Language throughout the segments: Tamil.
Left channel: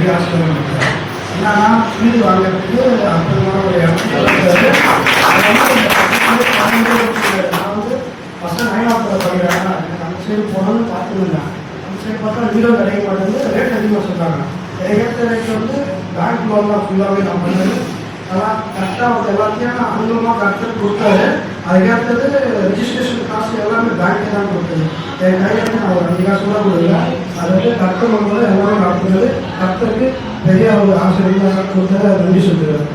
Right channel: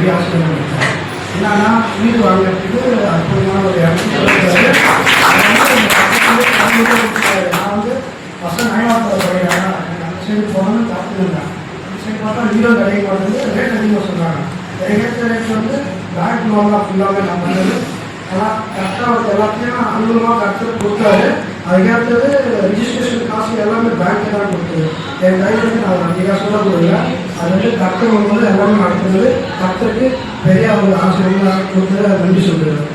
பெரிய ஆசீர்வாதம் கொடுத்தாரு. ஏன்னா வீடு வாங்குறதுக்கு அற்புதமான ஒரு இடம். நான் வந்து ஃபஸ்ட்டு நயவாரத்தில் சொல்கிறேன், அந்த சைடு போகணும்னு காத்துருந்தேன். அந்த சைடு பார்த்தா வீடோ கிடைக்க வந்து ரேட் அதிகமாக சொல்கிறாங்க. ஏற்ற ரேட் வந்து பேங்க் லோன்லாம் ஃபுல்லாகவே நான் பண்ணது அதெல்லாம் கரெக்டாக வந்து எல்லாத்தையும் அனுகூலமாக கரெக்டாக கொடுத்தாரு. அதுக்கடுத்தது ரிஜிஸ்ட்ரேஷன் காசு எல்லாமே பேங்க்கே தான் கொடுத்தது. என் கையில் வந்து நான் நீங்கள் சொல்லக்கூடல. அது வந்து கரெக்டாக வரும்போது எல்லாமே நடத்துனது கரெக்டாக பெரிய ஒரு ஆசிரியர் கொடுத்தது நன்றி சொல்லுவேன்.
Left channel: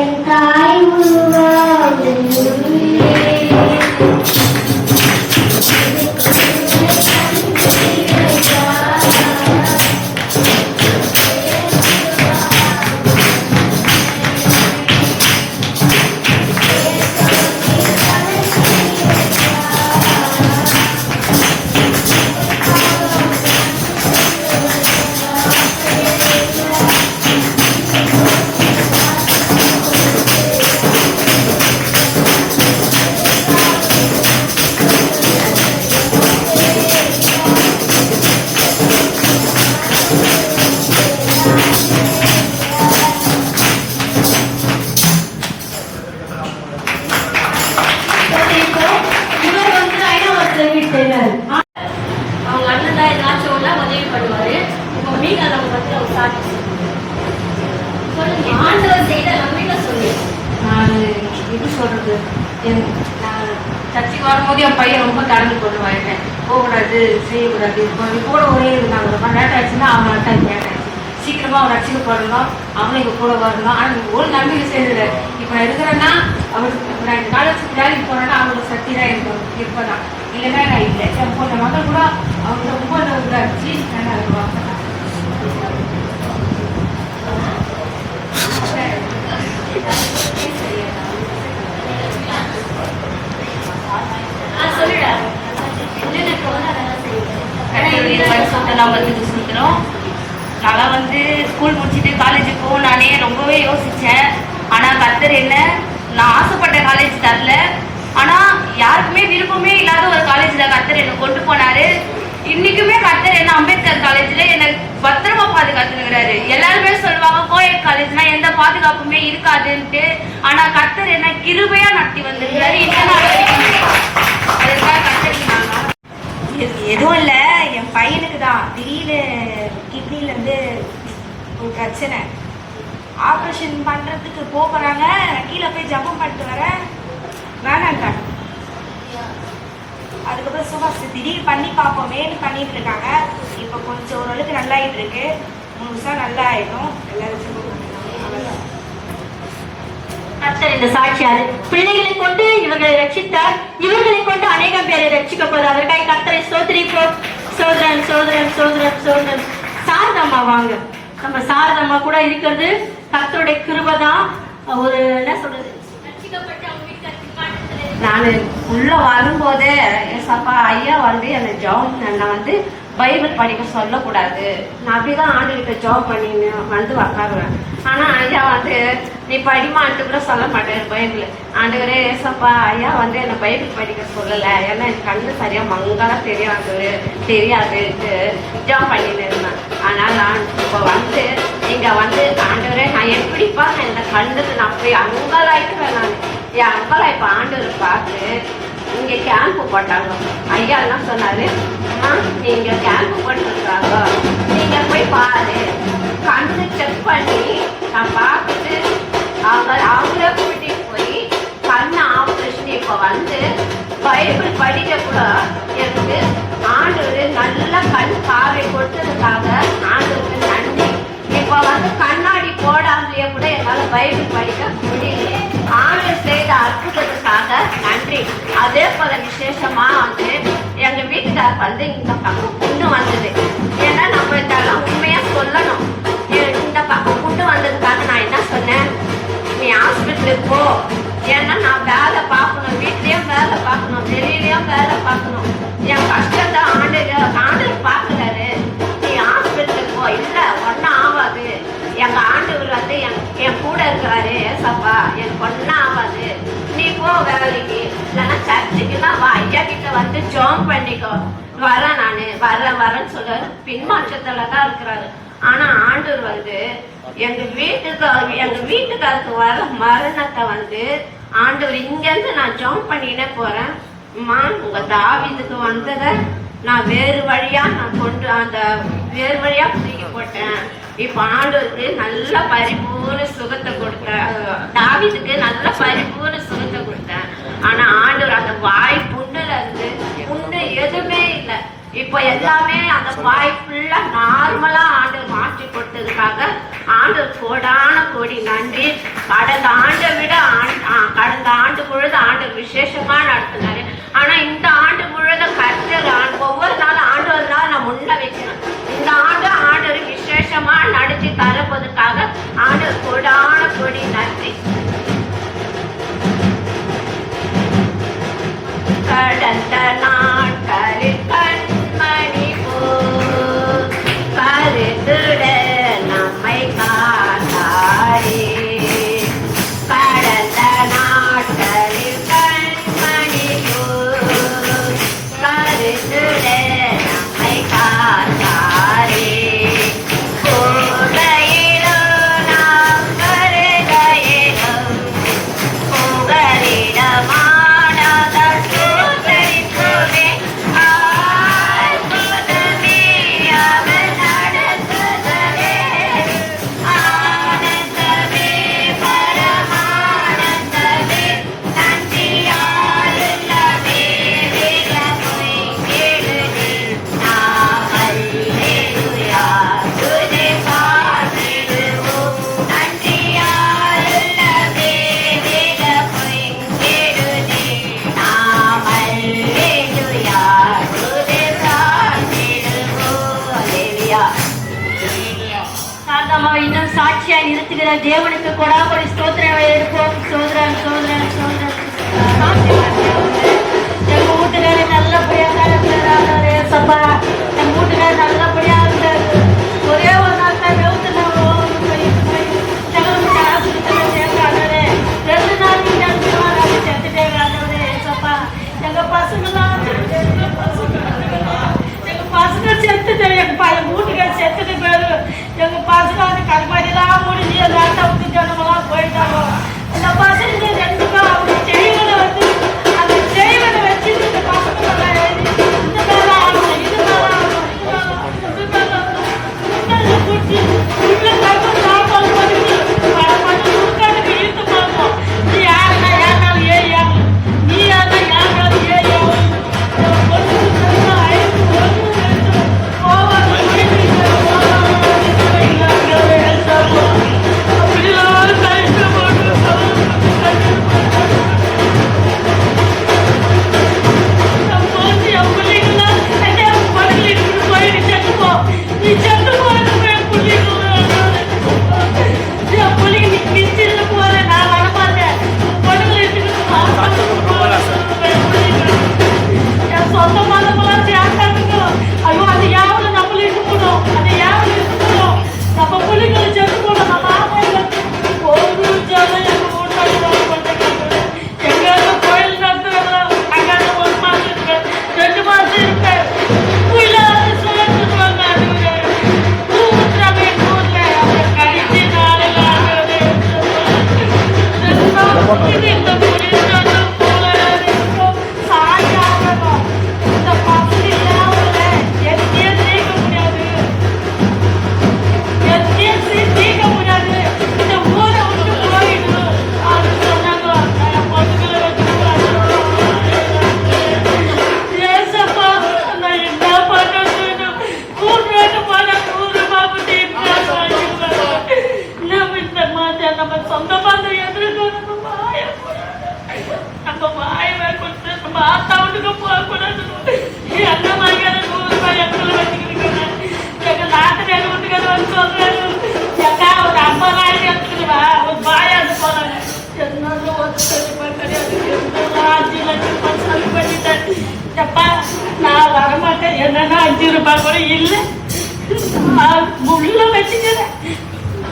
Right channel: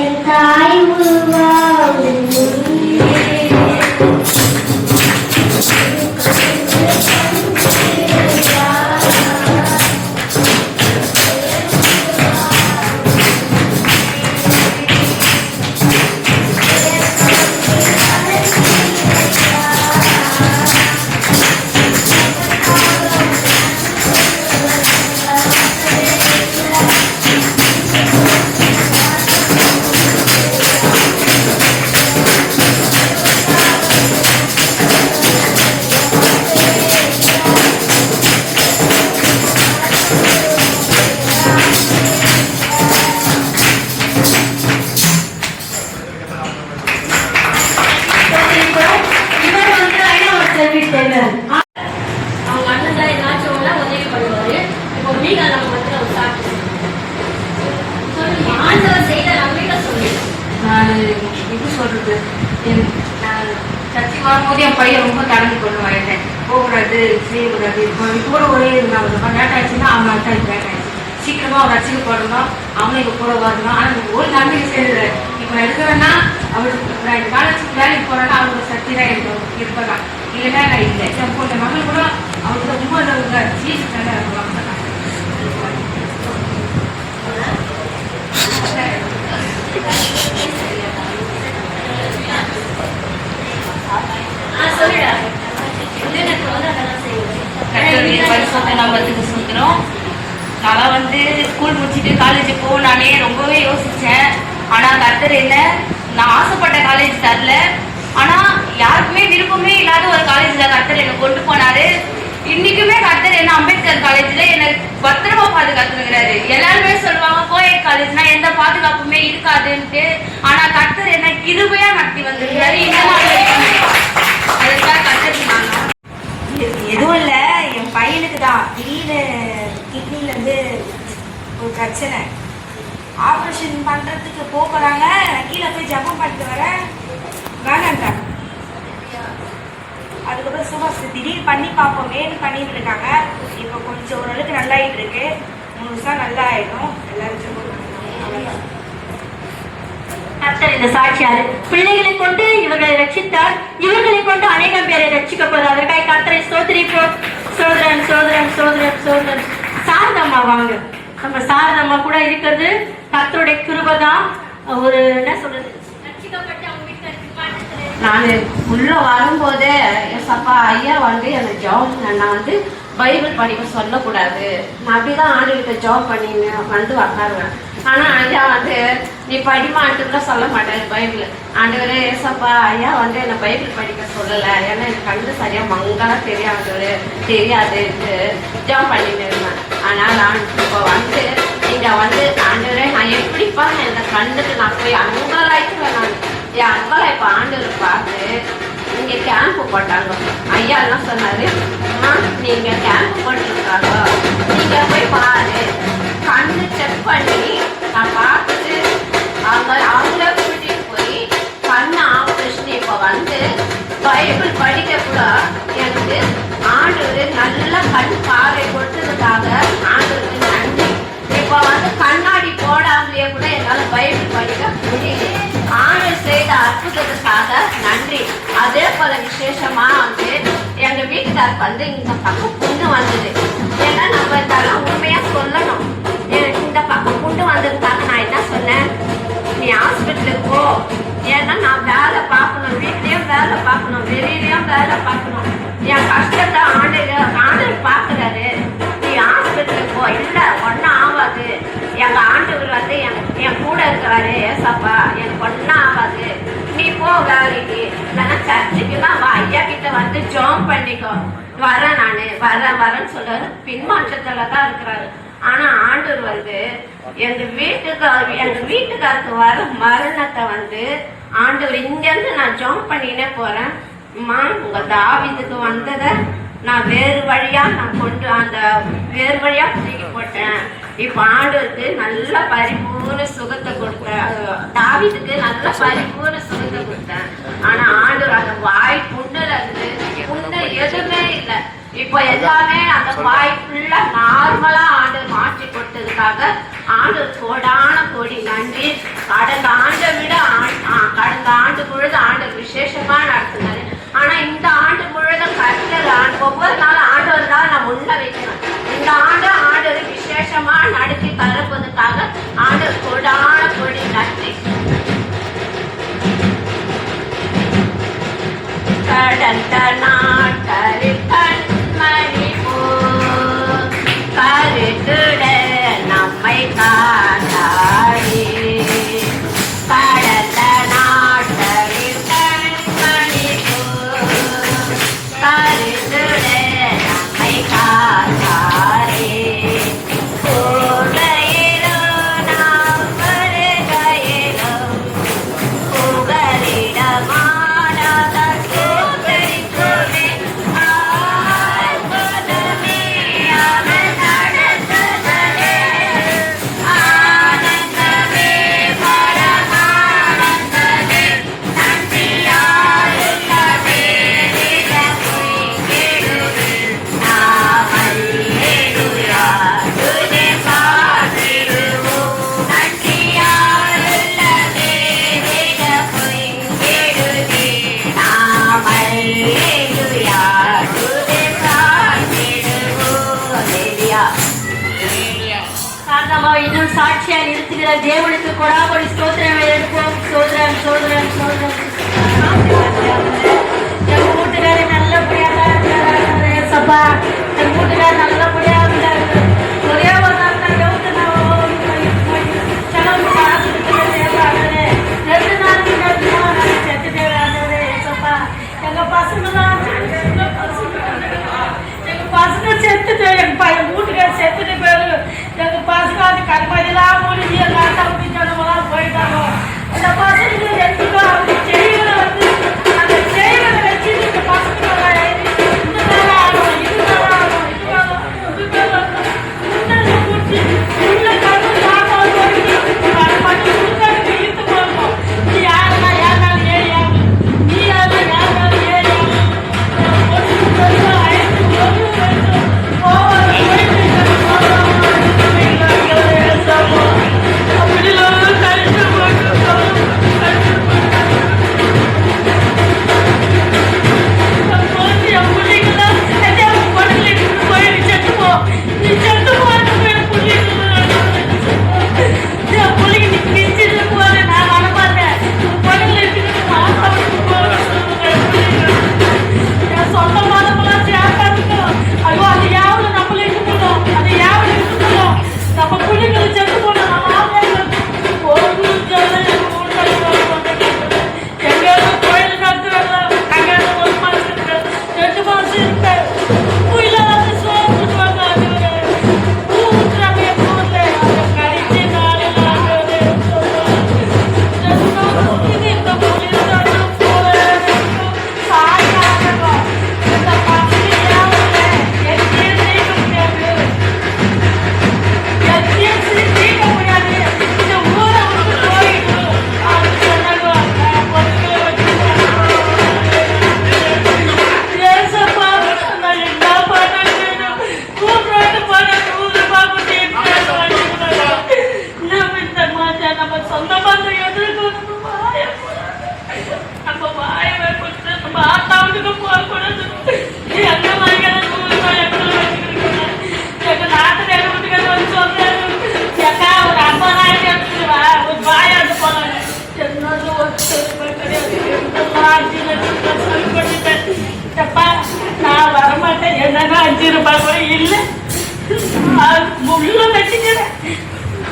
என் தாய் உருவாகும் அவங்க அண்ணன் தான் ஏதாச்சும் ஒன்றா உதவி பண்ணுவாரு. இப்போ மீனா நம்ம வந்து ஒரு சாட்சி ஆண்டவர் செய்த நம்பிக்கை சொல்லி நான் எப்படி சொல்றது, சர்ச்சைக்கு வரும்போது என் பையன் ரொம்ப கடந்து கொண்டு வரேன். போகக்கூடாது, செய்யக்கூடாது. இப்போ கூட ஒரே இருந்தாங்க. ரொம்ப லேட் ஆச்சுன்னா அவங்க தான் இப்போ லேட் ஆச்சு. சீக்கிரமா ஒரு ரசிக்கு போடணும், அவங்க எங்க கூட வரணும். ஆனால் ஒரு நம்பிக்கை செய்யறது இப்போ எடுக்கிறேன்னா அவருக்கு காலேஜுக்கு வேலைக்கு போறேன்னா அவங்களோட சக்தி தான் எனக்கு இருக்கலாம். இல்லைன்னா நான் இல்லை என் போட்ட மகள் கூட அவங்களோட ரொம்ப சீஸ் தானே வருவாங்க. நான் வந்து ஸ்கூல் முடிச்சுட்டு காலேஜுக்கு போனானே ரொம்பவே யோசிச்சேன். ஆனா கர்த்தர் என்ன நான் ஆசைப்பட்ட காலேஜ் தரல. ஆனா யாருக்குமே விருப்பமே இல்லாத ஒரு காலேஜ்ல கர்த்தர் என்ன கொண்டு போனாரு. இன்னைக்குமே கர்த்தர் என்ன அம்பேத்கர் காலேஜ்ல என்ன பத்திரமா பாதுகாத்துக்கிறாரு. எல்லாருமே சொல்லுவாங்க கோயட் காலேஜ்னா எந்த பாதுகாப்புமே இருக்காதுன்ட்டு. ஆனா கர்த்தர் என்ன கிருபையா நடத்தி வந்திருக்காரு. எதுவும் இல்லை, என் பையனுக்கு தான் திடீர்னு கிட்னில இருந்து ஒரு பிரச்சனை. ஆப்ரேஷன் பண்றதுக்கு போகிறாங்க. நான் கீழே போய் ஜப்பம் பண்ணிட்டு வரேன், வேணான்றாங்க. அதுக்கப்புறம் சும்மா திடீர் பண்ணி பார்ப்போமேன்னு பண்ணிட்டு இருக்காங்க. இப்போ கொஞ்சம் ஓரளவுக்கு நல்லாயிட்டு இருக்கு. முழுசா நல்லா ஆயிடும். கர்த்தர் இந்த சாட்சியாரு பிள்ளைகளை கொண்டு இவர்களை ரட்சித்தார். இவர்களை கொண்டு அநேகம் பேரை ரட்சிக்கப்படும். அதற்காக கர்த்தரை சோதரிப்போம். சோதரன் சோதரன் சோதரன் சோதரன் சாரதம்மா வாங்க. நம்ம சாரதம்மா கூட இருக்கிறது கர்த்தருடைய கிருபை தான். ஒரு என்ன சொல்றது, ரட்சிக்கப்பட்டு அவங்க வீட்டுக்கு நான் உள்ள வரும்போது சப்பா ஐயா வந்து எனக்கு ஜாப் நான் வந்து பைபிள் படிக்க சொல்லக்கூடாது. நான் அப்படிதான் ஆண்டுகிட்ட ஜாப் பண்ணிங்க வந்து உக்காருவேன். ஆனா ஐயா வந்து நீ படிமாட்டு கூட சொல்ல மாட்டேன் பைபிள். ஆண்டவரே ஏசப்பா ஐயா வந்து என்னை பைபிள் படிக்க சொல்லலை. ஏன்னா எனக்கு கண்டு சரியா மங்களா தெரியாதுன்ட்டு ஜாப் பண்ணிட்டு இருந்தேன். ஆனா நான் இப்போ வந்து நீங்க வந்து ஆண்டவரே நான் எப்படிப்பா இந்த கண்ணுக்கு நான் போய் அங்கலாய்க்குவேன். நான் என் அங்காளா இப்போ ஆண்டவர் பார்த்து இங்கே கேம்ப் போட்டாங்க. ஐயா எல்லாம் சொன்னாரு, நீங்க கேம்ப் போட்டுருக்காங்க, நீங்க போய் பாரு, கண்ணு செக் பண்ணி நான் பார்த்துட்டு அவங்களே கூட்டிட்டு போய் கண்ணு ஆப்ரேஷன் இப்போ வந்து பைபிள் படிக்க கூட எனக்கு ஆண்டவர் நல்ல கண் பார்வை கொடுத்ததுக்காக ஆண்டவருக்கு நன்றி. இப்போ வந்து கண்ணாடி போடாமலேயே கூட என்னால் பைபிள் படிக்க முடியல. ஆண்டவர் செய்த அற்புதத்துக்காக நன்றி. அதே போல விசேஷமா வந்து எங்க வீட்டுக்கார் வந்து இந்த பக்கம் கொண்டு வந்தது. ஏன்னா நம்ம இதெல்லாம் உண்மையா சொல்லணும். இந்த பக்கம் கொண்டு வந்து வரேன் வரேன்னு சொல்ல பின்மாற்றத்துல தான் இருக்கிறாரு. ஆனா ஆண்டவர் வந்து எங்க வீட்டுக்காருக்கு வர மரணத்தை வந்து ஆண்டவர் இங்க இருந்து நான் ஜம்ப் பண்ணினே போறேன். உங்க தாவீதுக்கு வந்ததை நான் வேறு வழியா தூக்கி போட்டேன். இப்ப ஆண்டவருக்கு நல்ல பரிபூர்ண சுகத்தை கொடுத்தேன். தாவீதுக்கு நல்ல பரிபூர்ண சுகத்தை கொடுத்தேன். ஆனா ஆண்டவர் அந்த வாய் புண்ணுல இருந்து புண்ணு எதுவுமே இல்லை. இப்ப எல்லாமே அந்த வாய் ஃபுல்லா நார்மலா ஆண்டவர் மாற்றி கொடுத்ததுக்காக ஆண்டவர் கோடி நன்றி. கடந்த ஆண்டு பொழுது ஆண்டவர் விசேஷமா நடத்தினாரு. ஆனா இந்த ஆண்டு பொழுது ஒவ்வொரு நாள் ஆண்டவர் தான் நான் முன்ன வைக்கணும். இந்த ஆண்டு ஆண்டவர் விசேஷமா நடத்தி தரப்பதுக்காக ஆண்டவர் கோடி நன்றி. கடந்த நாட்களில் கண்மணி போல் கருத்துட நம்மை காத்தாரே. கடந்த நாட்களில் கண்மணி போல் கருத்துட நம்மை காத்தாரே. கோடையிலும் நாம் கருகையிலும் தேவனுக்கு கொடாபடி ஸ்தோத்திரங்களை எடுக்கிறோம். சோதரன் சோதரன் சோதரன் எங்க வீட்டுல நல்லபடியாக சப்பா எங்க வீட்டுல நல்லபடியாக ஒரே ஒரு எங்க பசங்க செத்துட்டு எங்க வீட்டுக்கார செத்துட்டு பேரு எங்க பசங்க வந்து கல்பாடிலாம் முடிஞ்சு ஜனமெல்லாம் போயிட்டாங்க. அந்த பசங்க ரெண்டு பேர் அப்படி செடிகளை வந்து அந்த செடிகளை வச்சு இந்த பசங்க இந்த மேல ஆகணும் இது மேல ஆகணும் இது மேல இது மேல முன்னாடி குட்டி உள்ள கருப்பு சாப்பாடு பண்ணி கல்பாடி உட்காந்து இழுத்து போடணும். நீ யாருனாலும் ஏறியாகும் நீ யாருனாலும் ஏறியாகும்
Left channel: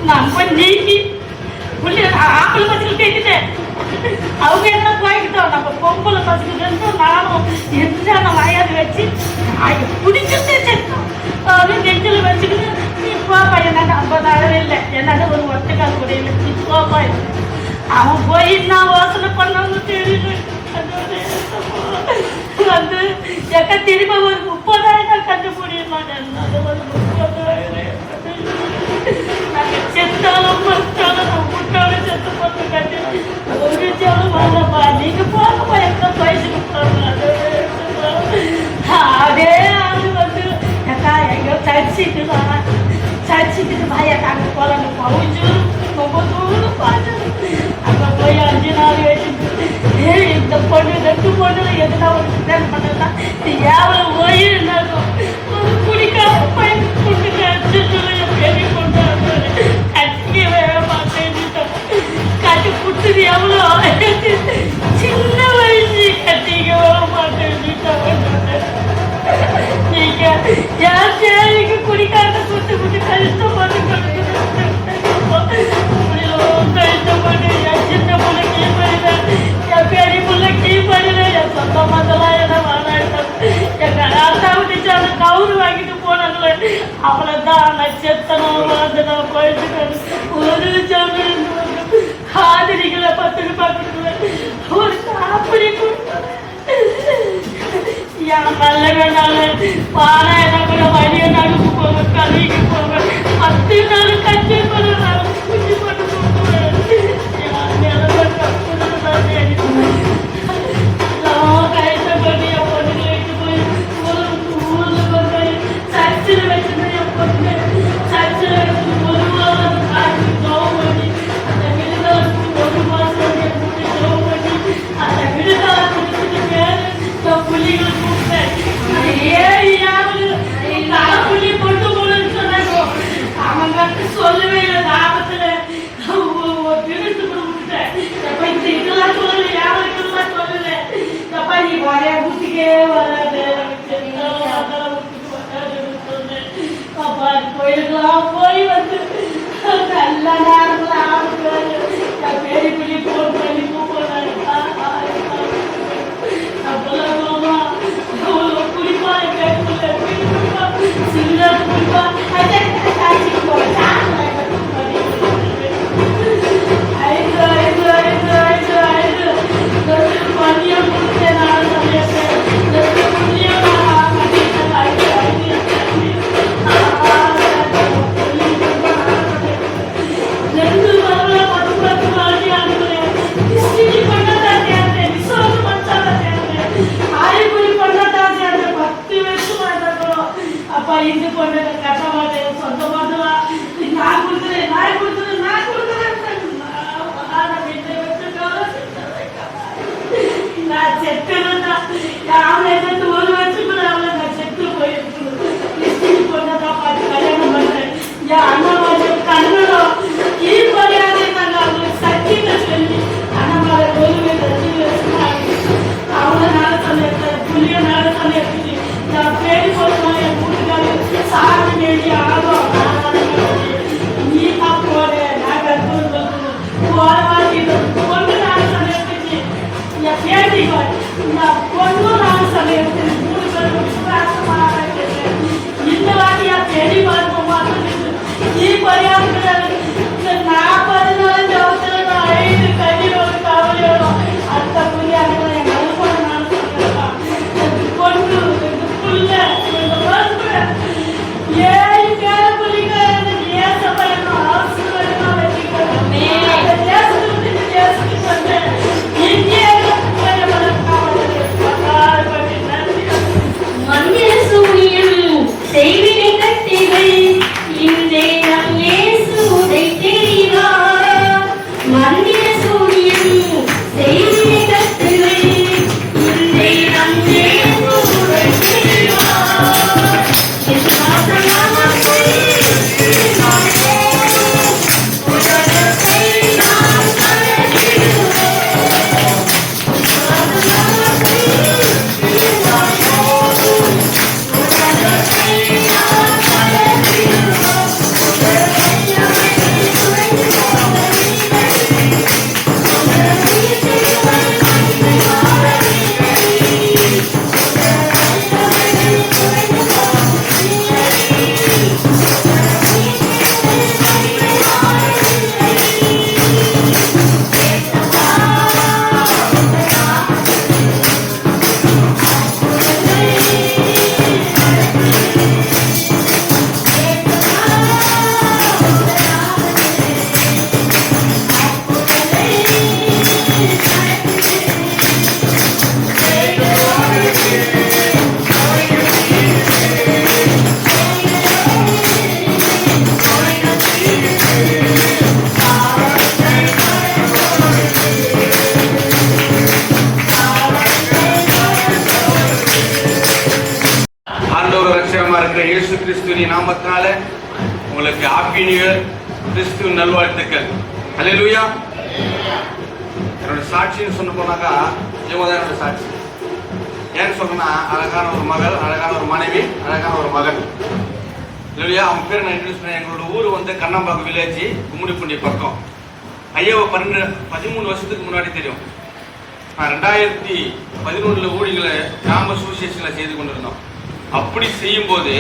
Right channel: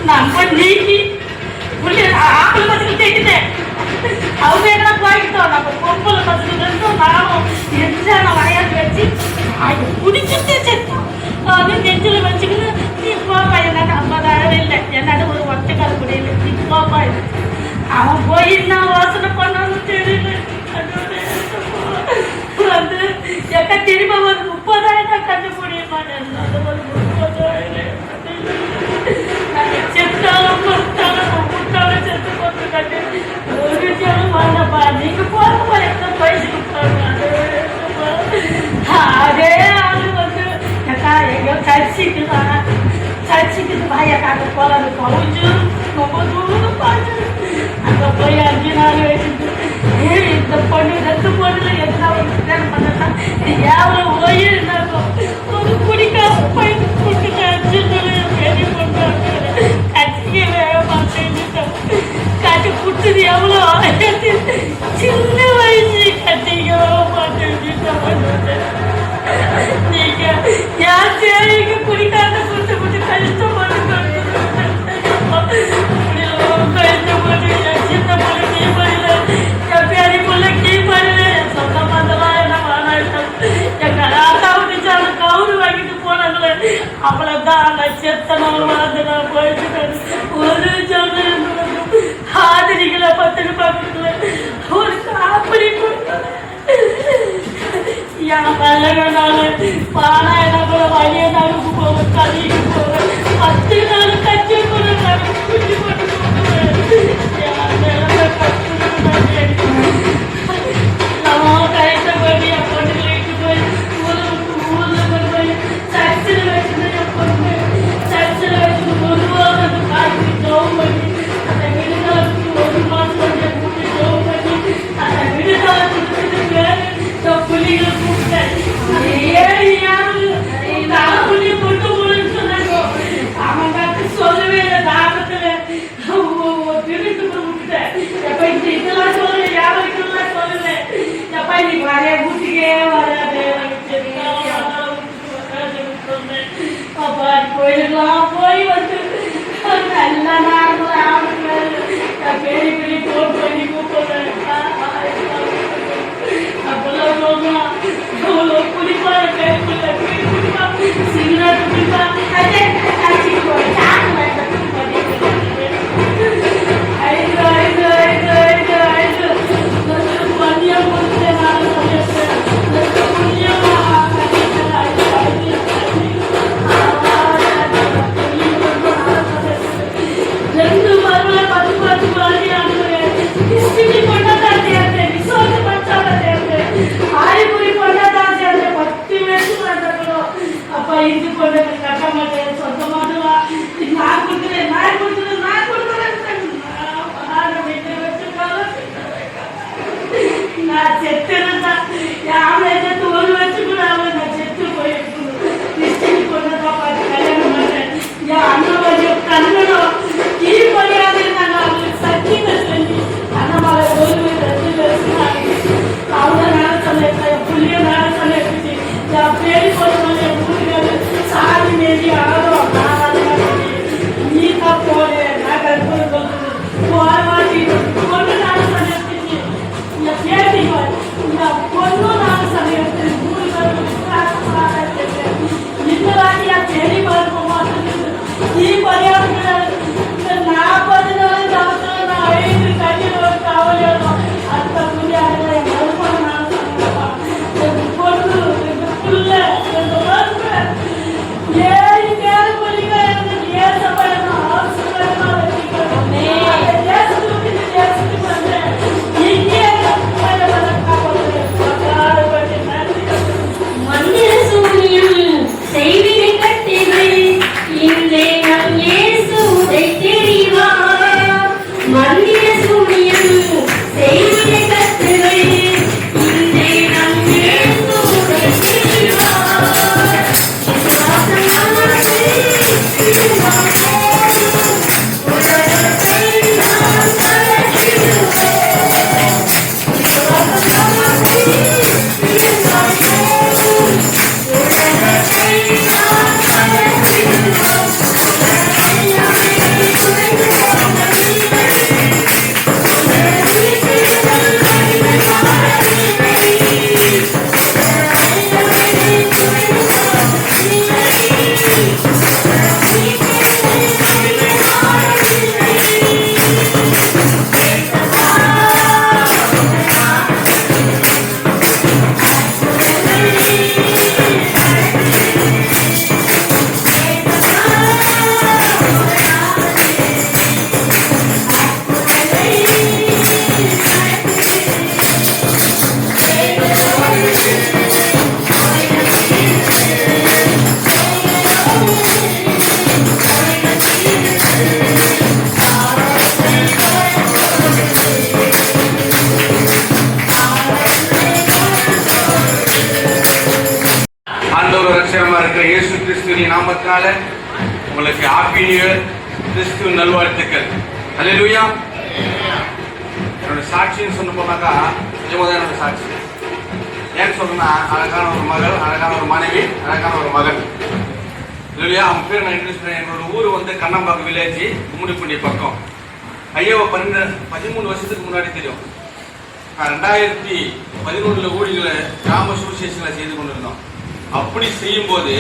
நம்ம நீக்கி ஆம்பளை பசங்க தேய்ச்சிட்டேன் அவங்க என்ன போய்கிட்டோம் நம்ம பொம்பளை பசங்க நானும் எம்ஜிஆர் வரையாது வச்சு அது பிடிச்சிட்டு செத்தான். அவன் நெஞ்சில வச்சுக்கிட்டு நீ போப்பா, என்னால 50,000 இல்லை, என்னால ஒரு ஒற்றைக்கால் முடியல, நீ போப்பா. அவன் போய் என்ன வாசனை பண்ணான்னு தெரியல. வந்து எக்க திரும்ப ஒரு 30,000 கட்ட முடியுமா? செத்தாலும் மத்தாலும் செத்து போட்டு கட்டு ஒரு ஜனம் வாங்கப்பா. நீங்க போப்பா, எந்த வயசுக்கு அதே ஆளு வந்து எக்கா எங்கேயோ சர்ச்சுக்கு பாயக்காக போகலாம், கொஞ்சம் ரொம்ப தூரம் பாரு. அங்கே போய் 5 நாள் வச்சுட்டு இந்த பொண்ணு 2 பொண்ணுல எந்த ஒரு கல்யாணம் பண்ணா எவ்வளவு போய் இருந்தாலும் ஒரு குடிக்காம போய் பெரிய பொண்ணு கட்டிக்கவே மாட்டேன். கட்டி புட்டுது எவ்வளோ சின்ன வயசு கட்டிக்கவே மாட்டேன். நீங்க யாருக்கு குடிக்காத புட்டு புட்டு கழிச்சு போட்டு சின்ன பிள்ளை கீ பண்ணல, என் பெரிய பிள்ளை கீ பண்ணல, என் சொந்த மந்தெல்லாம் என்ன வாங்கிட்டோம். எங்க அத்தா விட்டுச்சு, அவன் கவுரு வாங்கிட்டு போனாங்களே, அவ்வளவுதான். அந்த செத்தனம் அந்த போயிட்டு ஒரு ஜனம் ஆதிரிகளை 10 ரூபாய் கொடுக்கல, ஒரு காப்படி என் மேல வேணாலும் பானை கூட வழி நடந்து போக, கல்விக்கு போக, 10 நாள் கட்சி போடுறாங்க, குட்டி போட்டு போடுறாங்க. கோயிலுக்கெல்லாம் போய் வந்து நல்ல நாள் பெரிய பெரிய போன் பண்ணி கூப்பிடுறேன். அப்பெல்லாம் குடிப்பாரு, சிகரெட் குடிப்பா, இது பொண்ணு கட்ட மாட்டேன், சொந்த மாட்டேன், நான் கொடுத்துறேன், நான் கொடுத்துறேன், நான் கொடுத்துறேன். நான் செத்துறேன்னா அவளை செத்து 1 வருஷத்துக்குள்ள அவளை நான் செத்து போயிருக்கணும். கிறிஸ்டின் பொண்ணதான் பார்த்து கல்யாணம் பண்றேன். என் அண்ணா வந்து கண்ணனும் கீழ்படியாதே நாங்க அவளுக்கு சக்தியை சொல்லி அண்ணாமலை 1 வருஷமா அவளை நாட சொல்ல புள்ளிய நாட சொல்ல என் பேடி போதுமான என் வீட்டுக்காரு சாமி மீறி ஆடும். நீ தான் போடு, நான் கற்பூரம் பொண்ணு நாட சொல்லிட்டு இந்த பேட்டி இந்த பொண்ணு நாட சொல்ல இந்த வாட்டி என் பேடி பார்ப்போமா நீ பரியாத இந்த 40 நாள் ஜபத்துல நான் 5 கண்ணீர் ஒரு கவலையோடும் அந்த புரியாத என் நல்பட நான் சொல்லிருப்பான். பொண்ணு புள்ள எங்க வந்து 7 பேர புள்ளிக்க எனக்கு ஏசப்படணும், அவசரமா வச்சுக்கணும். தேசத்துக்கு விட்டு தேசத்துக்கு வந்து இங்கே மந்திர சூனியம் செய்வினை கட்டிவை இன்றே நம் இயேசு உதை தெரிவார். மந்திர சூனியம் செய்வினை கட்டிவை இன்றே நம் இயேசு உதை தெரிவார். விசுவாசமானே உலகத்தை நாம் கலக்கிடுவோம். இயேசுவின் நாமத்தினால உங்களுக்கு ஹாப்பி நியூ இயர், கிறிஸ்துவின் நல்வாழ்த்துக்கள். அல்லேலூயா. என்னோட சாட்சின்னு சொல்ல போனாக்கா இவங்க தான் என்னோட சாட்சி. ஏன்னு சொன்னா அழகான ஒரு மகள், அழகான ஒரு மனைவி, அழகான ஒரு மகன். இல்லையா? அவங்க பேர் நான் இங்கிலீஷ். என்னோட ஊர் வந்து கண்ணம்பாக்கம் வில்லேஜ், கும்மிடிப்பூண்டி பக்கம். ஐயாவை 13 வருஷத்துக்கு முன்னாடி தெரியும். நான் 2013 ஊழிகளை கிராம சுவிசேஷங்களை செய்து கொண்டிருந்தோம். அப்படி செய்யும்போது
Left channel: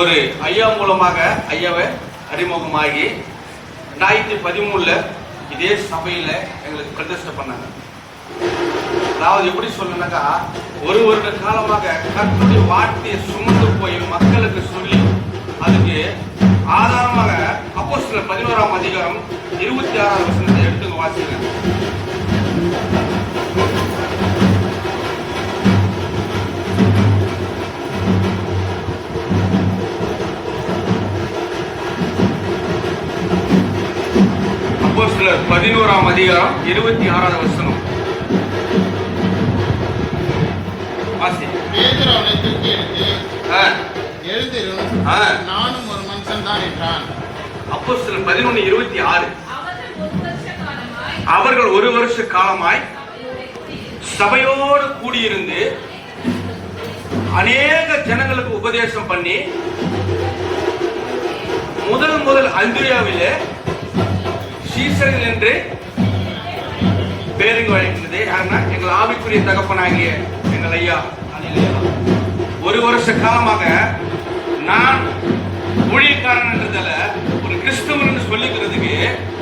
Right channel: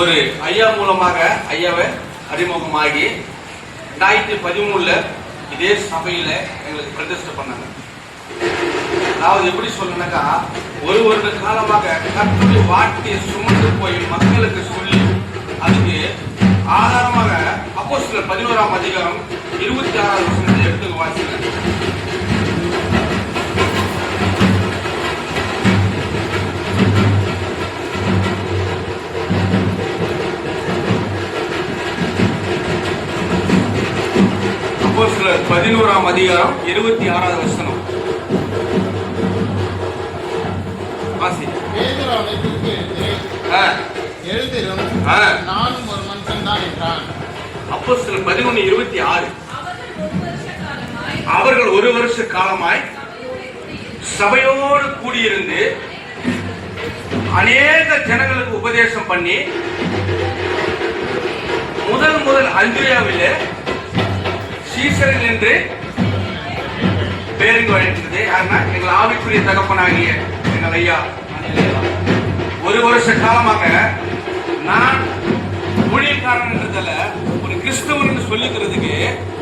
ஒரு ஐயா மூலமாக ஐயாவை அறிமுகமாகி 2013 இதே சபையில எங்களுக்கு பிரதிஷ்டை பண்ணாங்க. அதாவது எப்படி சொல்லணும்னாக்கா, ஒரு வருட காலமாக கர்த்தருடைய வார்த்தையை சுமந்து போய் மக்களுக்கு சொல்லி அதுக்கு ஆதாரமாக அப்போஸ்தலர் 11ஆம் அதிகாரம் 26ஆம் வசனத்தை எடுத்து வாசிங்க. அப்போஸ்தலர் 11ஆம் அதிகாரம் 26ஆவது வசனம். பேதுரு அவனை தூக்கி எடுத்து எழுதிரும், நானும் ஒரு மனுஷன் தான் என்றான். அப்போஸ்தலர் 11:26. அவர்கள் ஒரு வருஷ காலமாய் சபையோடு கூடியிருந்து அநேக ஜனங்களுக்கு உபதேசம் பண்ணி முதல் அந்திரியாவிலே சீசரில் என்று பேருக்கு வழங்கினது யாருன்னா எங்கள் ஆவிக்குரிய தகப்பனாகிய எங்கள் ஐயா. ஒரு வருஷ காலமாக நான் ஊழியக்காரன் என்றதால ஒரு கிறிஸ்தவர் என்று சொல்லிக்கிறதுக்கு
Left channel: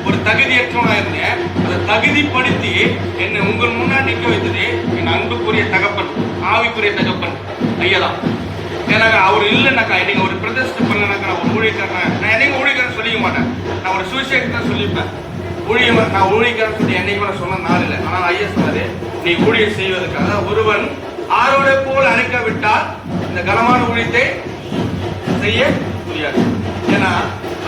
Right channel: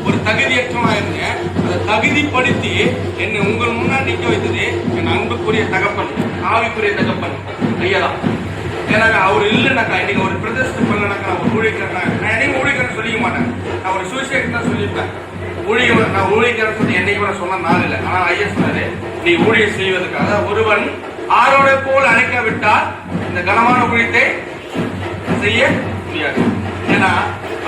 ஒரு தகுதியற்றவனா இருந்தேன். அதை தகுதிப்படுத்தி என்னை உங்கள் முன்னாடி நிற்க வைத்தது என் அன்புக்குரிய தகப்பன், ஆவிக்குரிய தகப்பன் ஐயா தான். ஏன்னா அவர் இல்லைனாக்கா இன்னைக்கு ஒரு பிரதிஷ்டை பண்ணனாக்கா நான் ஒரு ஊழியக்காரன், நான் என்னைக்கு ஊழியக்காரன் சொல்லிக்க மாட்டேன். நான் ஒரு சுவிசேஷம் தான் சொல்லியிருப்பேன். நான் ஊழியக்காரன் சொல்லி என்னைக்கு நான் சொன்ன நாள் இல்லை. ஆனால் ஐயா சொன்னாரு, நீ ஊழியம் செய்வதற்காக ஒருவன் ஆரோட போல அழைக்காவிட்டால் இந்த கனமான ஊழியத்தை செய்ய முடியாது. ஏன்னா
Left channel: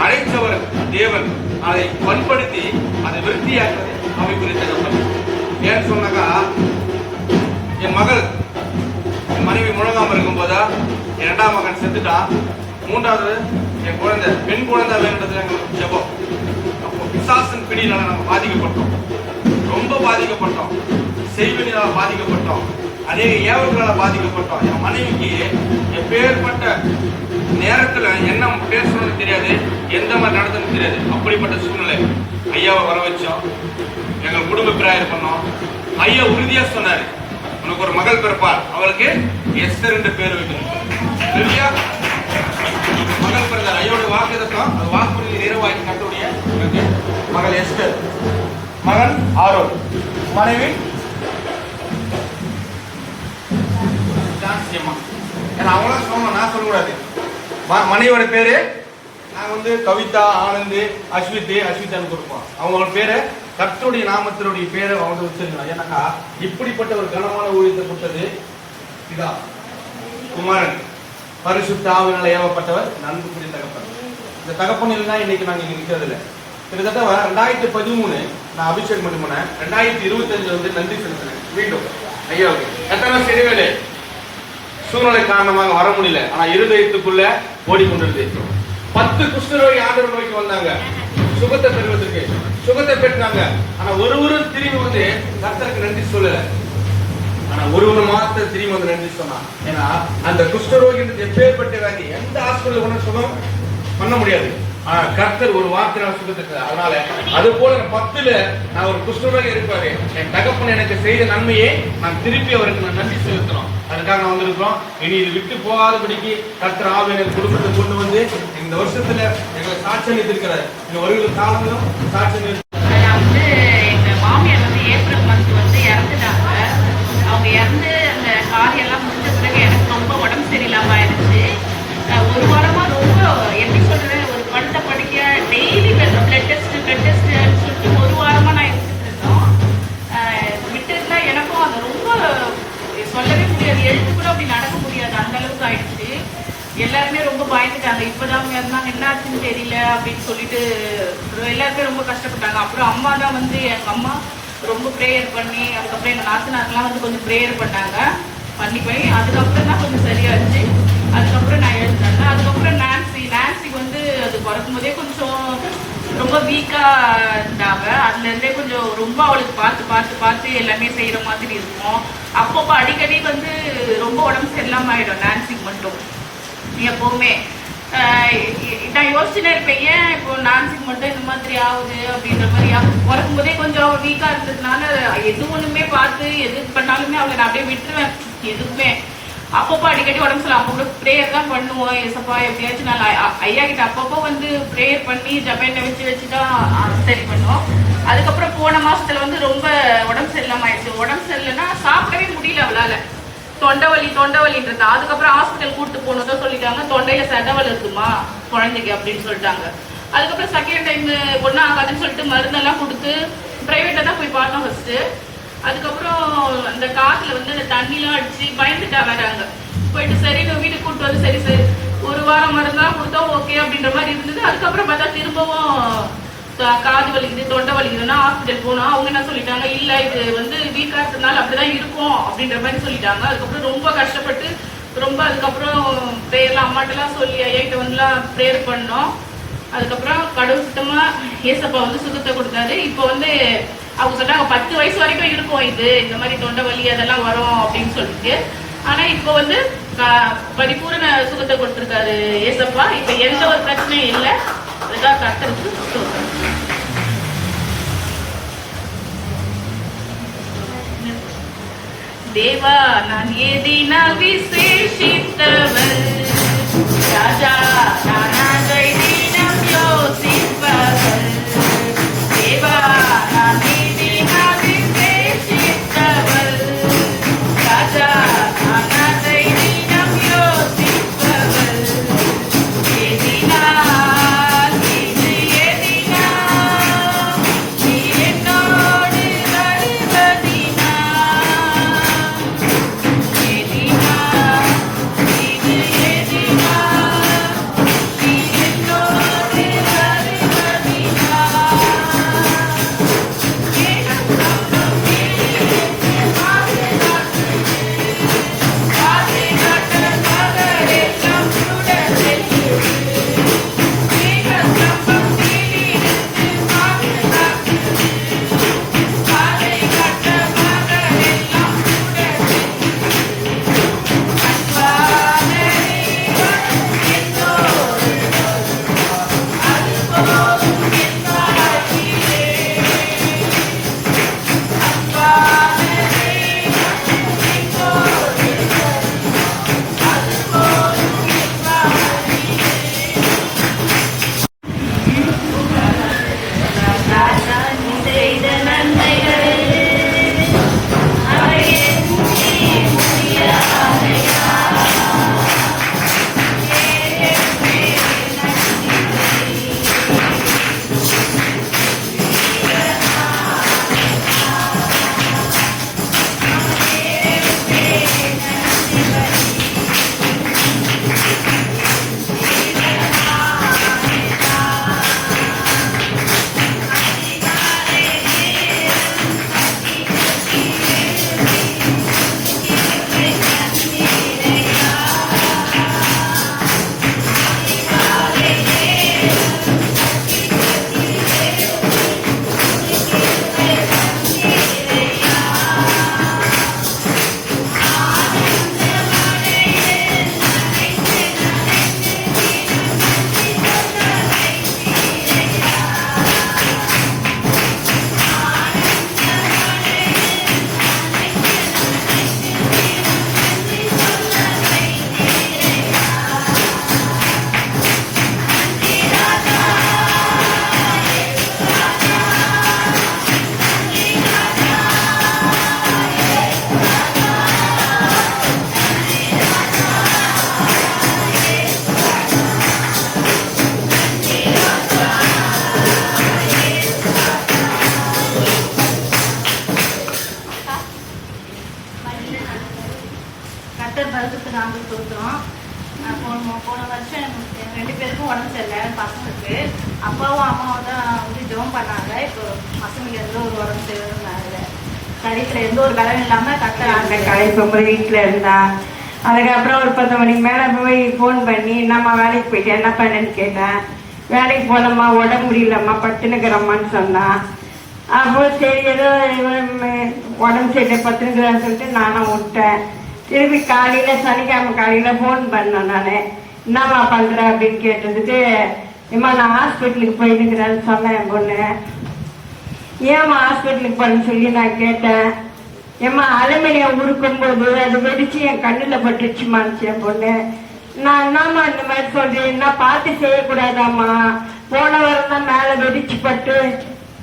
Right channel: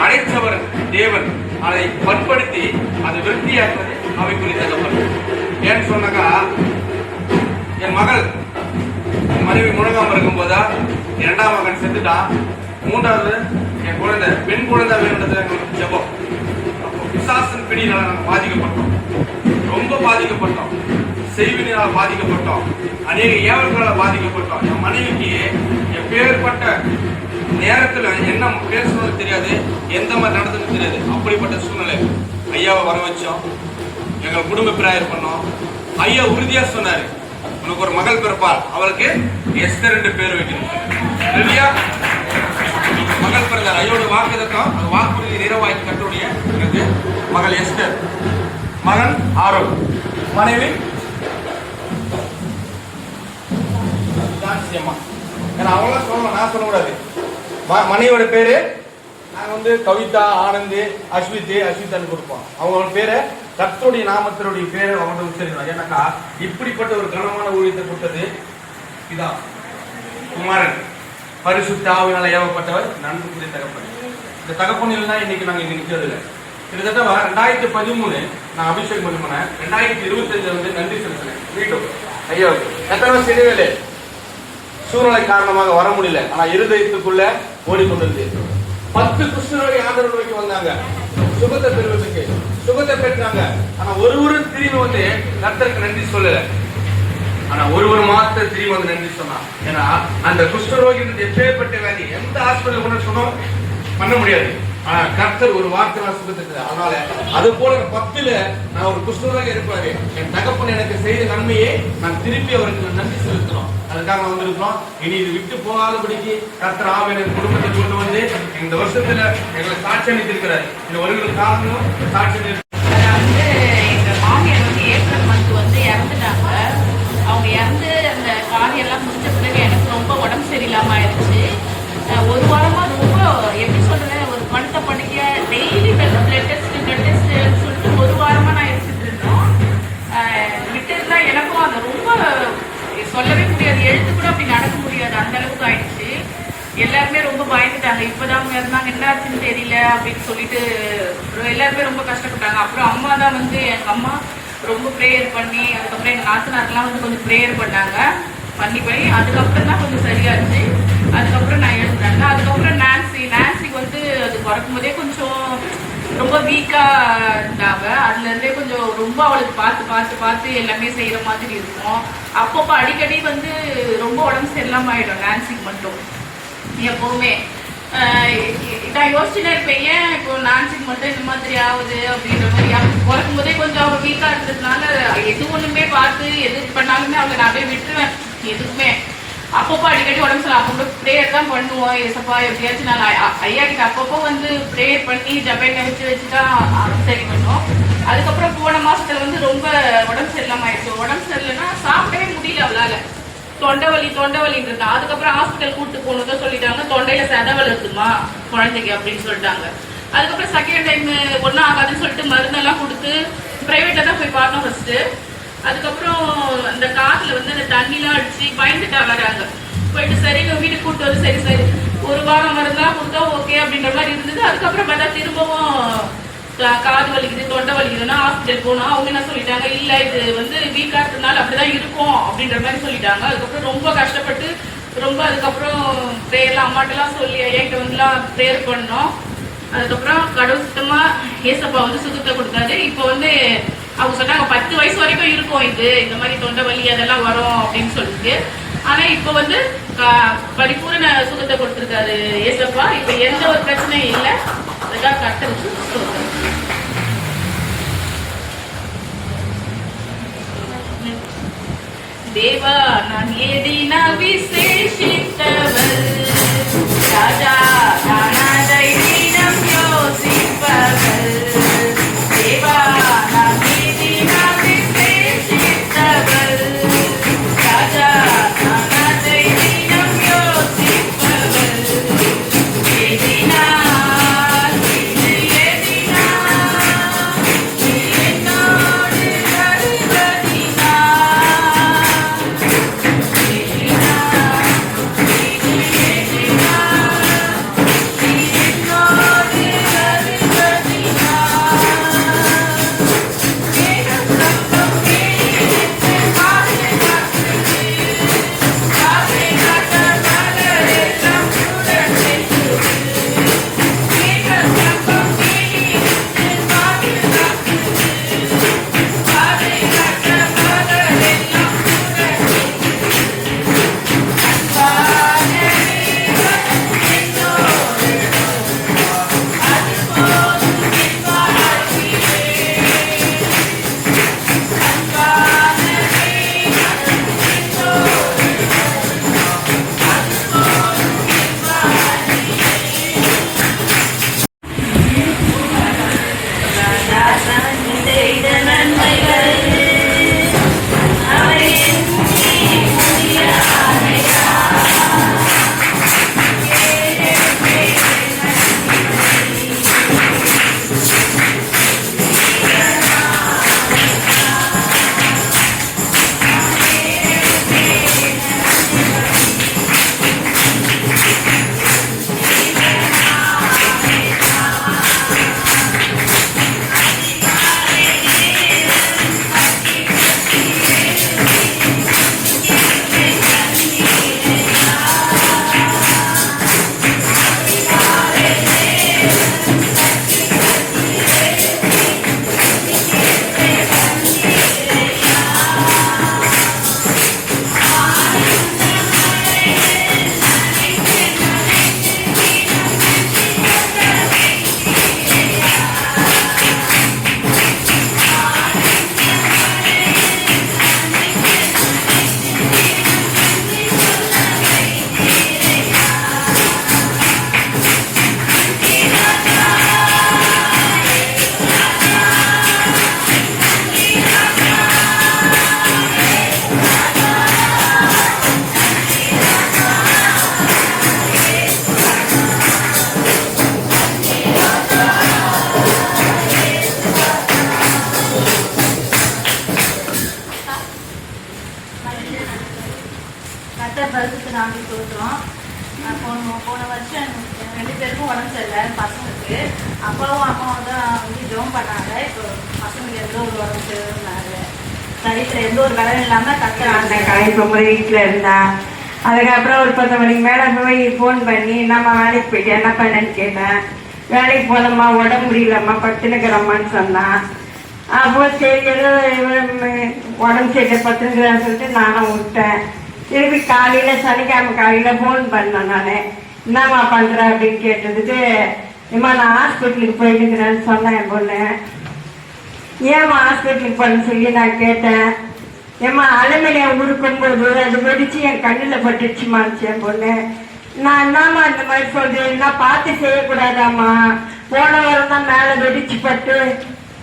அழைத்தவர் தேவன், அதை பண்படுத்தி அதை விருத்தியாக்குவது அவைக்குரிய தகப்பன். ஏன்னு சொன்னாக்கா, என் மகள் என் மனைவி முழங்காம இருக்கும் போதா 2ஆம் மகன் செத்துட்டான். 3வது என் குழந்தை, பெண் குழந்தை வேண்டது செப்போம். பிசாசின் பிடியில நம்ம பாதிக்கப்பட்டோம், ரொம்ப பாதிக்கப்பட்டோம். செய்வினால் பாதிக்கப்பட்டோம், அநேக ஏவல்களால் பாதிக்கப்பட்டோம். என் மனைவிக்கு எப்பேற்பட்ட நேரத்தில் என்ன பேசணும்னு தெரியாது, எந்த மாதிரி நடந்ததுன்னு தெரியாது. அப்படிப்பட்ட சூழ்நிலை ஐயாவை வர வச்சோம், எங்கள் குடும்ப பிரேயர் பண்ணோம். ஐயா உறுதியா சொன்னாரு, உனக்கு ஒரு மகள் பிறப்பார், அவளுக்கு எஸ்தர் என்று பேர் வைக்கணும். மகள் பிறந்தார். ஐயோட வாக்குதத்தம் வாக்குறுதி நிறைவாக்கி கட்டுடைய எனக்கு மகள் எஸ்தர், மகன் ஆரோன், மனைவி ஏன்னா அவங்களாம் சொல்லணும், நான் சொல்லக்கூடாது. மனைவியோட பேரு நாங்கள் வந்து கவிதா, ஆனந்த், அஸ்விதான்னு கொடுப்போம். அவங்களோட பேரை கர்த்தருடைய நாமத்தினுடைய பேரை அவங்க வச்சிருக்கணும். ஏன்னாக்கா இப்படிப்பட்ட ஒரு கனமான ஊழியத்தை கொடுத்தது இதா குமாரன், பரிசுத்த ஆவியினால ஏவப்பட்டவர், நன்மைக்குரிய தகப்பன். இந்த தகப்பன் இல்லைன்னா இன்னைக்கு நாங்கள் இங்கே நிற்கிறது இல்லை. கிட்டத்தட்ட 2013 நான் அபிஷேகம் பண்ணேன். 2025 வந்து நன்றி செலுத்துறேன் மீண்டும் ஐயாவுக்கு. கட்டணம் செய்யவே சூழ்நிலை காரணமாக வர முடியல. ஆனா இருதயத்துக்குள்ள ஓடிக்கொண்டிருந்தது. 10 குஷ்டரோகி ஆண்டவர் நோக்கி வந்தாங்க, சுகத்தை பெறுவதற்கு சுகத்தை பெற்றாங்க. ஆனா ஒருவரும் திரும்பி வந்து கர்த்தருக்கு நன்றி சொல்லல. ஆனா ஒருவர் மாத்திரம் திரும்பி வந்து நன்றி சொன்னா. ஏன்னா அந்த குஷ்டரோகி எப்பேற்பட்ட வியாதி, எந்த ஹாஸ்பிட்டல் கொண்டு சொன்னோம் பண்ண முடியாது. ஆனா கர்த்தர் ஒரு வார்த்தை நான் சுகத்துக்கு. அதனால அது போல 10ல் நான் ஒரு குஷ்டரோகி இருப்பாரு, என் தகப்பன் எனக்கு செய்த நன்மையை நான் திருப்பி அவருக்கு நன்றி செலுத்தணும். அதுக்காக வந்திருக்கிறோம். இனி இது விட்டு போகாதபடிக்கு கர்த்தர் ஆவியானவர் குடும்பத்தை கொண்டு வந்து இந்த வருஷத்துல எங்களை சாட்சி அளித்திருக்கிறார். இந்த வருகிற காலங்களும் சாட்சி வந்து எங்க மாமியார் வந்து ஏப்ரல் மந்த் வந்து இறந்துட்டாங்க. அவங்க இறந்து அந்த காரியெல்லாம் முடிஞ்ச பிறகு எனக்கு ரொம்ப உடம்பு சரியில்லாம ஆயிடுச்சு. ஒரு வாரமா ரொம்ப எப்படி சொல்றது, ஒரு படுத்த படிக்க டெய்லி பிளட் டெஸ்ட் சொல்லிட்டு ஒரு வாரமா நான் எடுத்துட்டு இருந்தோம். விட்டுருந்தா எனக்கும் அது ரொம்ப சொல்லவே முடியாது, எழுத்து கூட அப்படி நடக்க முடியாது, அந்த அளவுக்கு ஆயிடுச்சு. எல்லாருமே ரொம்ப பயந்துட்டாங்க. இப்பதான் அவங்க இருந்தாங்க, என்னாச்சுன்னு தெரியல அப்படின்னு சொல்லிட்டு எல்லாருமே ரொம்ப கஷ்டப்பட்டாங்க. அப்புறம் அம்மா தான் வந்து எங்க அம்மா ரொம்ப ப்ரேயர் பண்ணி, அதுக்கப்புறம் எங்க நாத்தனாருக்கெல்லாம் வந்து கொஞ்சம் ப்ரேயர் பண்ணாங்க, பண்ணி போய் அதுக்கப்புறம் தான் கொஞ்சம் சரியாச்சு. அதுக்கப்புறம் நான் எழுதினாங்க. அதுக்கப்புறம் நான்சிக்கு வந்து அது பிறக்கும் போதே கொஞ்சம் ரொம்ப வீக்காக இருந்தாங்க. அதுலேருந்தே கொஞ்சம் ரொம்ப அவளுக்கு பார்த்து எல்லாமே செய்கிற மாதிரி இருக்கும். அப்பப்போ அடிக்கடி வந்து ரொம்ப உடம்பு சரியில்லாமல் ஆகிடும் நான்சிக்கு மட்டும் எப்போவுமே. நான் யோசிச்சுட்டே இருப்பேன், ஏன் இப்போ நான்சிக்கு மட்டும் இந்த மாதிரி ஆகுது அப்படின்ற மாதிரி. அவளுக்கு பிறக்கும் போதே கொஞ்சம் அவள் வீக்காக இருந்ததுனால எது ஒன்றுமே பார்த்து எது பண்ணாலுமே அவளை நான் அப்படியே விட்டுருவேன் எதுக்குமே. அப்பப்போ அடிக்கடி உடம்பு சரியில்லை. அப்போ ப்ரேயர் தான் பண்ணுவோம், ஏசப்பா எப்படியாச்சும் நாங்கள் ஐயா கிட்ட அப்பப்போ வந்து ப்ரேயர் பண்ணி ஜபெண்ணை வச்சு தான் சரி பண்ணுவோம். அதுக்கப்புறம் போன மாசத்துல வந்து ரொம்ப உடம்பு சரியில்லாம ஆயிடுச்சு. உடம்பு சரியில்லைன்னா சாப்பிடவே முடியல அவளால, தொண்டைவலின்றது. அதுக்கப்புறம் ஹாஸ்பிட்டல் கூப்பிட்டு போனதான் சொல்லிட்டாங்க, தொண்டையில செதவல் இருக்குமா குழந்தைக்கு அப்படின்னு சொல்லிட்டாங்க. அதுக்கப்புறம் செகண்ட் டைம் ஒன்றும் ஆகாதுன்னு சொல்லிட்டு மருந்தெல்லாம் கொடுத்து பிரைவேட்ல தான் போய் பார்த்தோம் ஃபர்ஸ்ட். அதுக்கப்புறம் அந்த காத்துல வந்து அந்த தண்ணிலாம் அடிச்சு பயந்துட்டா வராங்க. போயிட்டு சரி வீட்டுக்கு கூப்பிட்டு வந்து சரி ஒரு வாரம் மருந்தெல்லாம் கொடுத்தா ஓகே அப்படின்ற மாதிரி இருந்தது. அதுக்கப்புறம் பார்த்தா திரும்பவும் காது வலிக்குது தொண்டை வலிக்குதுன்னா ஹாஸ்பிட்டல் போனோம். அவங்க என்ன சொல்லிட்டாங்க, இல்ல இது வந்து வீக்கா இருக்கிறதுனால அப்படிதான் இருக்கும் அப்படின்ற மாதிரி சொல்லிட்டாங்க. அதுக்கப்புறம் ரொம்ப கஷ்டப்பட்டு அதுக்கப்புறம் ப்ரேயர்லாம் அம்மாட்டெல்லாம் சொல்லி ஐயாக்கிட்ட வந்துலாம் ப்ரேயர் பண்ணோம். அதுக்கப்புறம் கடவுள் சுத்தமா ஏசப்பா வந்து சுகத்தை கொடுத்தாரு. இப்போ வந்து அவங்க சொன்னாங்க 10 வயசு வரைக்கும் இருக்கும் இது, இந்த மாதிரி தொண்டை வலி அதெல்லாம் வரும் அப்படின்னு சொல்லிட்டு. ஆனா இப்போ வந்து பரிபூர்ண சுகத்தை கொடுத்துருக்காரு ஏசப்பா. இப்போ எந்த ஒரு பிரச்சனையும் இல்லை. அதுதான் கர்த்தருக்கு ஸ்தோத்திரம். தேவா நான் ஏதினா விசேஷித்தவர், ராஜா நான் அதை தினம் யோசிப்பவர். தேவா நான் ஏதினா விசேஷித்தவர், ராஜா நான் அதை தினம் யோசிப்பவர். ஏதினால் நீ என்னோடு வருவதினால், பல்புக்கு நாங்கள் கொடுக்குறோம். அப்போ போன வருஷம் 2 பேருக்கும் உடம்பு சரியில்லை பசங்களுக்கு. அப்பாவும் அம்மாவும் தான் வந்து ஜோம் பண்ணாங்க. இப்போ பசங்களுக்கு எந்த ஒரு உடம்பு சரியில்லை, சரீரத்தில் எந்த ஒரு பலம் இல்லாமல் கட்ட அந்த காய் இப்போ வீட்டில் இருந்தான். அதுக்கப்புறம் ஒரு 10 மணிக்கு மேலே போய் ஃபோன் பண்ணி நம்ம வேலைக்கு போயிட்டு என்ன பண்ணேன்னு கேட்டேன். வேலைக்கு போனம்மா, உடம்பு முடியலம்மா, படுத்துனுக்கிறம்மான்னு சொன்னான். அப்போ சரி ஏதோ உடம்பு சரியில்லை படுத்துனுக்கிறான்னு சொல்லிட்டு நானும் விட்டேன். திருப்பி காலையில் சனிக்கிழமை காலையில் ஃபோன் பண்ணேன். நான் என்னம்மா பண்ணுறேன் அப்படின்னு கேட்டதுக்கு, ஏம்மா நான் ஹாஸ்பிட்டலுக்கு போயிட்டுக்கிறேன்னு சொன்னேன். என் பொண்ணு ஏம்மா ஹாஸ்பிட்டலுக்கு போறேன்னு சொல்லி நான் கேட்டேன். ஏம்மா அலுமினியம் உருக்கும்போது அது வெடிச்சு என் கண்ணில் பட்டுச்சுமாச்சு என் பொண்ணு. நான் என்னம்மா இந்த மாதிரி சொல்றேன், என்ன பார்த்து செய்யக்கூடாதாம்மா, போன வாரம் தான் மேலே வெடிச்சு பட்டு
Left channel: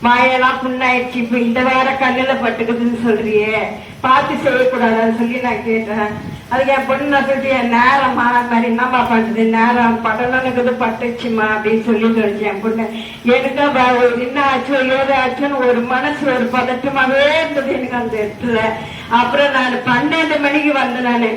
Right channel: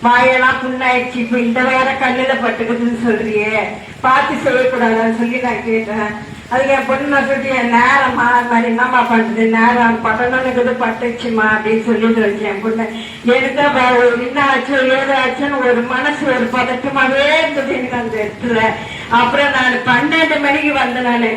மாயெல்லாம் புண்ணாயிடுச்சு, இப்போ இந்த வாரம் கண்ணில் பட்டுக்குதுன்னு சொல்றியே, பார்த்து செய்யக்கூடாதான்னு சொல்லி நான் கேட்டேன். அதுக்கு என் பொண்ணு சொல்லிட்டு என் நேரம்மா அது மாதிரி என்னம்மா பண்ணுறது, நேரம் படணுக்குது பட்டுச்சுமா அப்படின்னு சொல்லி சொல்லிச்சு என் பொண்ணு. எனக்கு என்ன ஆச்சோ ஏதோ ஆச்சோன்னு ஒரு மனசு ஒரு பதட்டமாவே இருந்தது எனக்கு அந்த இடத்துல. அப்புறம் நான் 12 மணிக்கு வந்தேன். நான்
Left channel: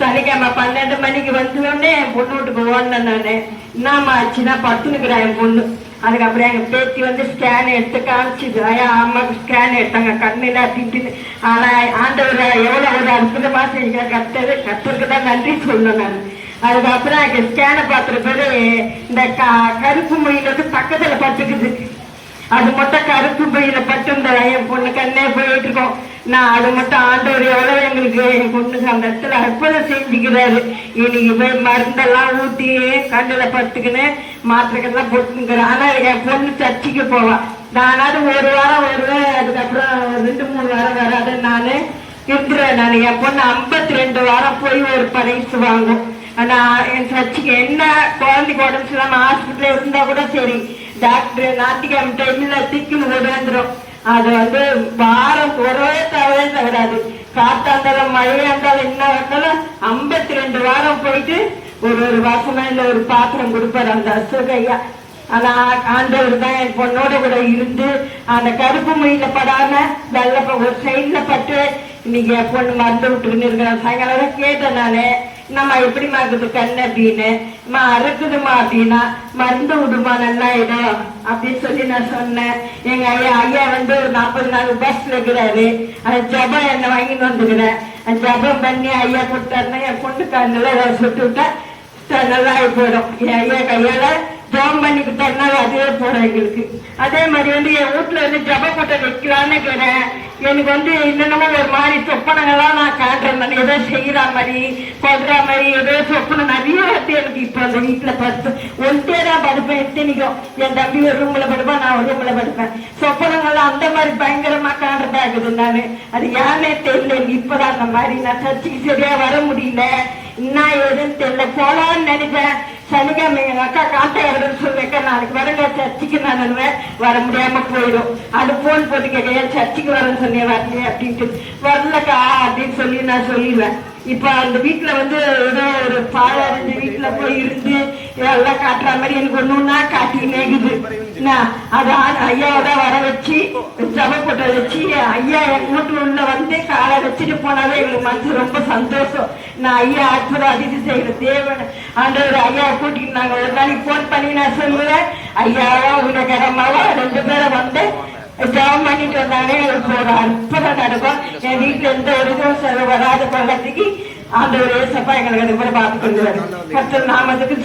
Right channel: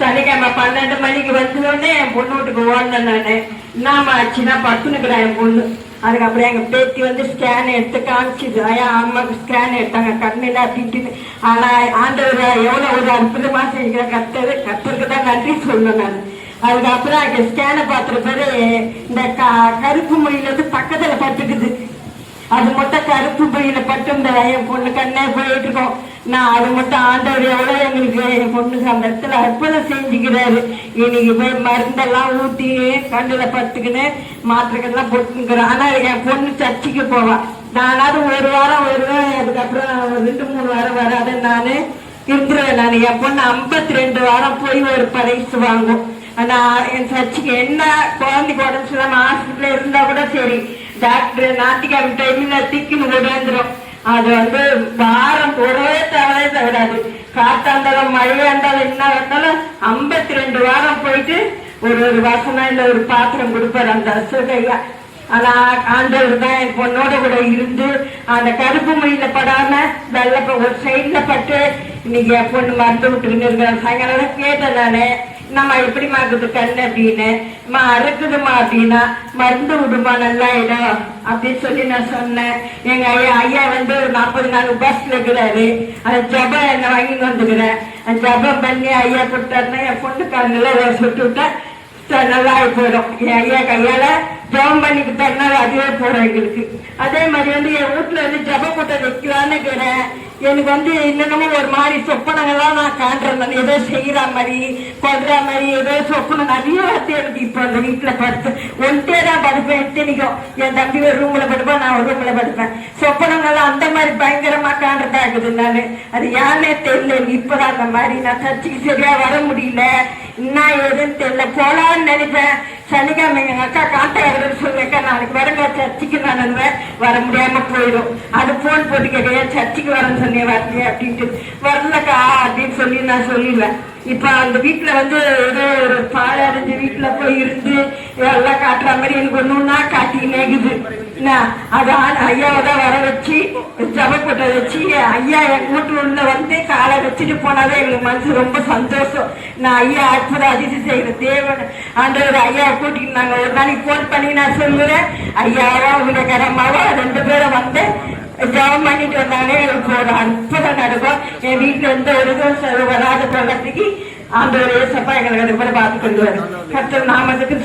சனிக்கிழமை 12 மணிக்கு வந்தோடனே என் பொண்ணு வீட்டுக்கு ஓடினேன். நான் என்னம்மா ஆச்சுன்னா பட்டுனுக்குறேன் என் பொண்ணு. அதுக்கப்புறம் எங்கள் பேத்தி வந்து ஸ்கேன் எடுத்து காமிச்சிது. ஐயா அம்மாவுக்கு ஸ்கேன் எடுத்தாங்க கண்ணில் அப்படின்ட்டு. ஆனால் ஆண்டவர் எவ்வளோ ஒரு அற்புதமாக செஞ்ச கத்தருக்கு தான் நன்றி சொல்லணும். நான் அதுக்கப்புறம் அங்கே ஸ்கேனை பார்த்துற பேர் இந்த கருப்பு மொழியில் வந்து பக்கத்தில் பட்டுக்குது. அது மட்டும் கருப்பு பையில பட்டு இந்த என் பொண்ணு கண்ணே போயிட்டு இருக்கோம். நான் அது மட்டும் ஆண்டவர் எவ்வளோ எங்களுக்கு என் பொண்ணுக்கு அந்த இடத்துல அற்புதம் செஞ்சுக்கிறாரு. இன்னைக்கு போய் மருந்தெல்லாம் ஊட்டி கண்ணில் பத்துக்குன்னு மாத்திரைகள்லாம் போட்டுக்கிறோம். ஆனால் என் பொண்ணு சர்ச்சுக்கு போவான். நானாவது ஒரு வாரம் வருவேன், அதுக்கப்புறம் 2-3 வாரம் வராது. நான் இருந்துருவேன். நான் என் பொண்ணு 52 வாரம் போய் ஒரு பரிசு வாங்கும். ஆனால் என் சர்ச்சுக்கு என்ன குழந்தைக்கு உடம்பு சொல்லாமல் ஹாஸ்பிட்டலில் இருந்தால் கூட சரி, டாக்டர் ஞாயிற்றுக்கிழமை டைமில் திக்குன்னு விடாந்துடும். அது வந்து வாரம் போடவே தவறாது. காத்தா இருந்தாலும் மழையா இருந்தாலும் என்ன வந்தாலும் 52 வாரம் போயிட்டு ஒரு வாசமா இல்லை ஒரு பாத்திரம் கொடுப்பாரு அந்த அசுகையா. ஆனா ஆண்டவர் தான் என் பொண்ணோட கூட இருந்து அந்த கருப்பு மொழியில படாம வெள்ள ஒரு சைட்ல பட்டு இன்னைக்கு என் பொண்ணு மறந்து விட்டுருன்னு இருக்கிறேன். சாயங்காலம் கேட்டேன் நானு, நம்ம எப்படி மாக்குது கண்ணு அப்படின்னு. அறுக்குதுமா அப்படின்னா மருந்து விடுமா நல்லா இடம் அப்படின்னு சொல்லி நான் சொன்னேன். எங்க ஐயா வந்து ஒரு 40 நாள் பஸ்ல இருக்கிறாரு. அந்த ஜபம் என்ன வாங்கிட்டு வந்துக்கிறேன். அந்த ஜபம் பண்ணி ஐயா கொடுத்தாருன்னா என் பொண்ணு கண்ணுல சுட்டு விட்டா நல்லா போயிடும். என் ஐயா கையால ஜபம் பண்ணிட்டு தரனால அதுவே போறோம் எங்களுக்கு. அதே மாதிரி வந்து என் வீட்டுல வந்து ஜப கூட்ட வைக்கலான்னு இருக்கிறேன். எனக்கு வந்து இன்னொன்னு ஒரு மாதிரி சொப்பனங்கள்லாம் நான் காண்றேன். ஏதோ செய்யற மாதிரி சொல்ற மாதிரி ஏதோ சொப்பனம் நிறைய வந்து எனக்கு இப்போ அந்த வீட்டுல படுத்து ஒன்ட்டே தான் படுப்பேன். எத்தனைக்கும் என் தம்பி ஒரு ரூம்ல படுப்பேன், நான் ஒரு ரூம்ல படுப்பேன். சொப்பனங்கள்லாம் அந்த மாதிரி பயங்கரமா காண்றதா இருக்குது. நான் அது யாருன்னே தெரியல. இப்பதான் அந்த மாதிரி நான் சர்ச்சுக்கு சரியா வர முடியல. என்ன ஏதுன்னு தெரியல. போலான்னு நினைப்பேன். சனிக்கிழமை எங்க அக்கா காண்டாயிரம் சொல்லுவேக்கா நாளைக்கு வரங்க சர்ச்சுக்கு நான் அனுவேன். வர முடியாம போயிடும். அது போன் போட்டு கேட்க சர்ச்சுக்கு வரேன்னு சொன்னேன் வரலையே அப்படின்ட்டு. வரலக்கா அப்படின்னு சொல்லி நான் சொல்லிடுவேன். இப்ப அந்த வீட்டுல வந்து ஏதோ ஒரு பாழடைஞ்ச வீட்டுல போய் இருந்து எல்லாம் காட்டுற மாதிரி எனக்கு ஒண்ணுன்னா காட்டிக்கினே இருக்குது. அது ஐயாவதான் வர வச்சு ஜபப்பட்ட வச்சு ஐயா என் வீட்டுல உள்ள வந்து காலை வச்சுட்டு போனாலே எங்களுக்கு மனசு ரொம்ப சந்தோஷம். நான் ஐயா அற்புதம் அதிசயம் செய்யற தேவன் ஆண்டவர் ஐயா கூட்டிட்டு நாங்க ஒரு நாளைக்கு போன் பண்ணி நான் சொல்லுவேன். ஐயாவா இவங்க கடமாவா 2 பேரும் வந்து ஜபம் பண்ணிட்டு வந்தாலே எனக்கு ஒரு அற்புதம் நடக்கும். என் வீட்டுல எந்த ஒரு இதுவும் வராத கொள்ளத்துக்கு ஆண்டவர் ஏசப்பா எங்களுக்கு பார்த்து கொண்டு வரும். கர்த்தர் நாமத்துக்கு